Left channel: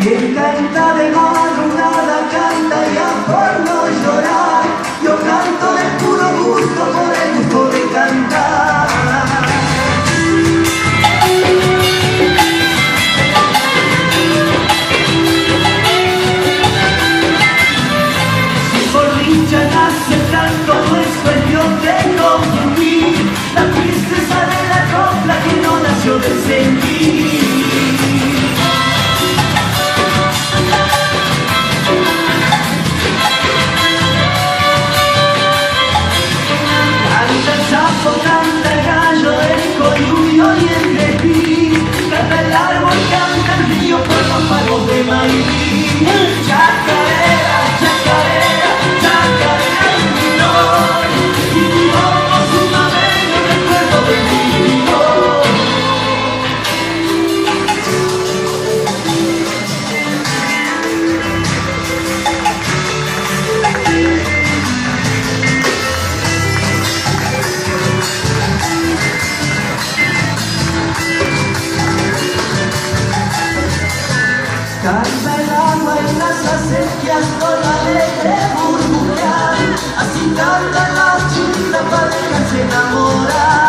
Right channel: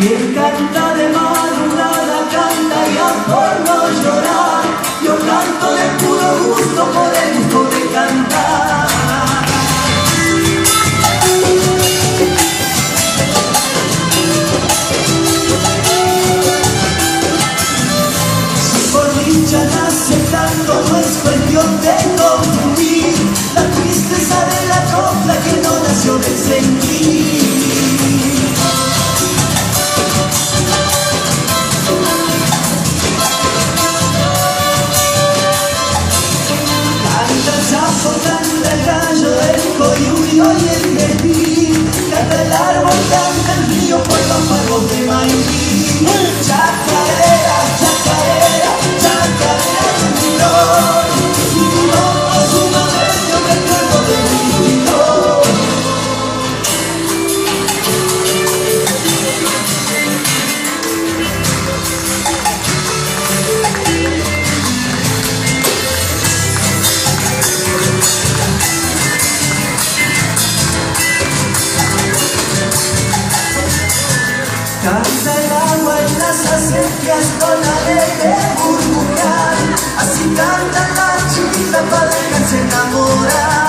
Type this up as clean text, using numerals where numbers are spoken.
Quien canta de madrugada canta ya por no llorar. Yo canto de puro gusto por el gusto de cantar. Si por dicha nace el canto no es cuestión de confundir la tristeza de la copla que no nació del sentir. Canta el gallo, el coyuyo y el crepí, canta el árbol, canta el río por los pagos de maíz. Chacarera, chacarera, chacarera de milón, y mi loco sumamente recuerdo de mi milón. Canta el agua en las acequias con alegre burbujear, así canta la chiquita para dejarse enamorar.